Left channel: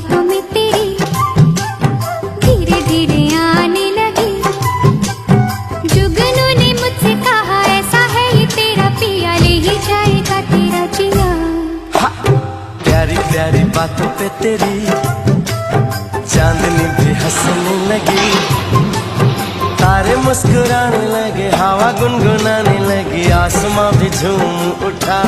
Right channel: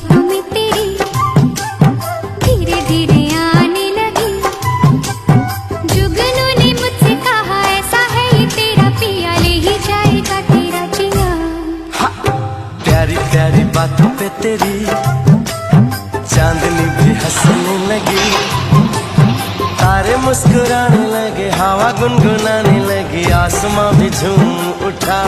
बातों में तेरी धीरे धीरे आने लगी। जुगनू ने मुझसे कहा ऐसा है ये तेरा पिया, ले ही जाएगा तेरा जिया। प्यारी प्यारी बातों पे तेरी चांदनी भी हंसने लगी, तारे मुस्कुराने लगे, हवा गुनगुनाने लगी, आसमां भी झूम उठा।